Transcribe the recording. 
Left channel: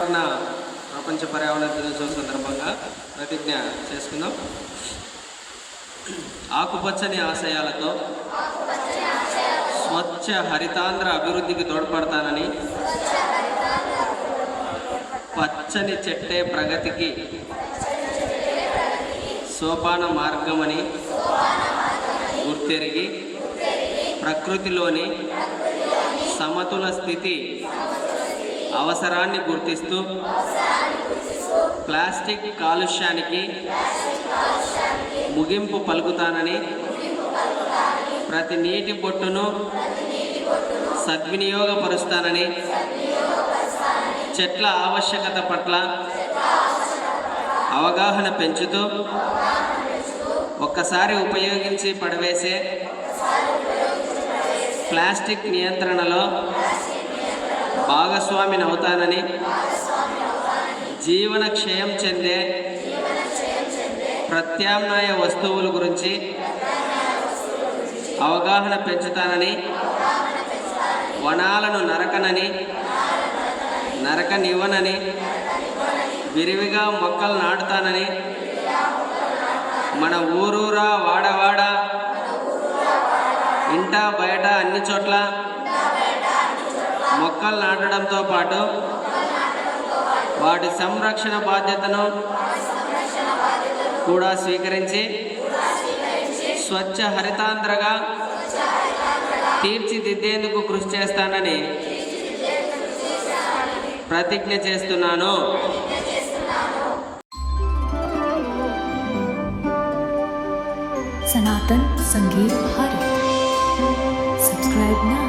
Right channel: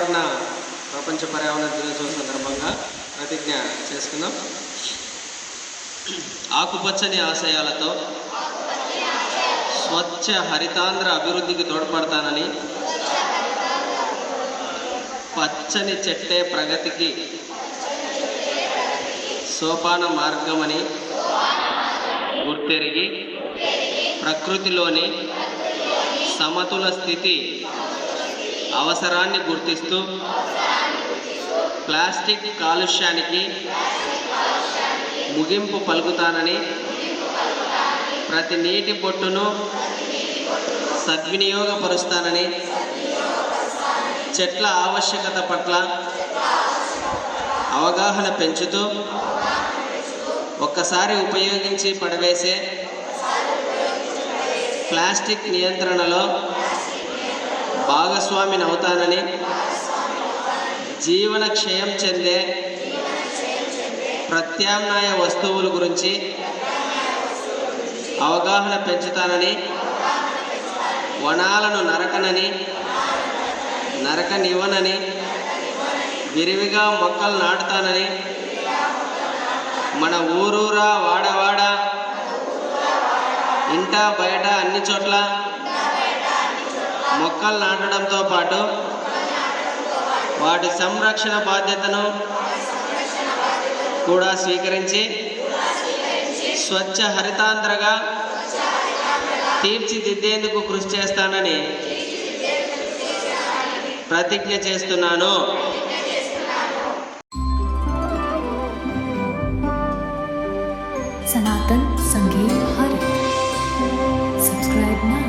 ప్రపంచ పర్యావరణ దినోత్సవం సందర్భంగా ప్రతిజ్ఞ చేసుకుందాం. ఆకుపచ్చని ఆశయాలతో స్వచ్ఛ హరితాంధ్ర అభివృద్ధికి తోడ్పడతానని, పచ్చని చెట్టే ప్రగతికి సోపాన మార్గమని గుర్తెరిగి ప్రకృతిలోని సమతుల స్థితి అవసరాన్ని గుర్తిస్తూ ప్లాస్టిక్ కాలుష్యానికి ముగింపు పలుకుతానని, ప్రతి నీటి బొట్టును సద్వినియోగపరుస్తానని, చెట్ల ఆవశ్యకత పట్ల అవగాహన పెంచుతూ ఒక్కసారి ఉపయోగించి పడవేసే ప్లాస్టిక్ నియంత్రణలో భాగస్వామిని అవుతానని, జీవన క్షయం చెందే ప్రత్యామ్నాయ వస్తువుల గురించి అవగాహన పెంచుతానని, వనాలను నరకనివ్వనని, విరివిగా మొక్కలు నాటుతానని, మన ఊరూరా వాడవాడ ఇంట బయట అన్ని చోట్ల మొక్కలు నాటడంతో పాటు వాటి సంరక్షణ బాధ్యతను కూడా స్వీకరించి స్వచ్ఛ హరితాంధ్రగా తీర్చిదిద్దేందుకు కృషి చేస్తానని ప్రతిజ్ఞ చేస్తున్నాను. सनातन संगीत भारत. Subscribe now.